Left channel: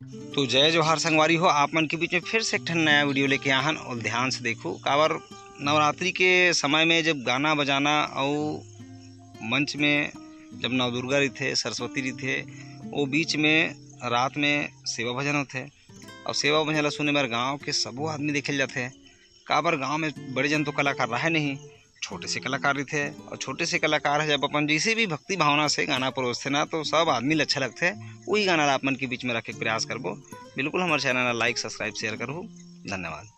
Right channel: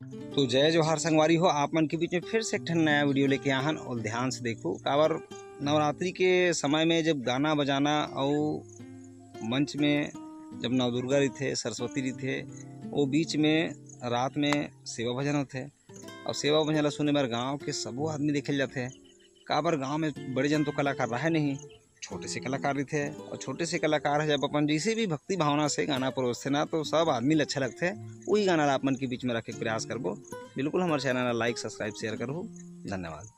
तो जय जोहार संगवारी हो, आप मन के बीच में फिर से एक ठन नया वीडियो लेके आहन और ध्यान से देखो। काबर नवरात्रि के समय में जब गाना बजाना और मंच में जब नवदुर्गा रही सरस्वती रही वो बीच में रात में सेवा भजन होते और सेवा भजन ला सुने बर गाँव के सबो आदमी देखे जाते। काबर गाँव में बड़े जन तो कलाकार रहे नहीं, छोटे से कलाकार भी थे और छोटे से कलाकार है जब अपन जैसे भी भक्ति भावना से गाना परोसते ना तो सब आदमी अच्छा लगते। वही गाना आप मन के बीच में रखे प्रयास करबो। बिल्कुल हमारे चैनल लाइक सब्सक्राइब शेयर करो। धन्यवाद।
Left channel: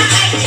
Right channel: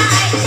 जय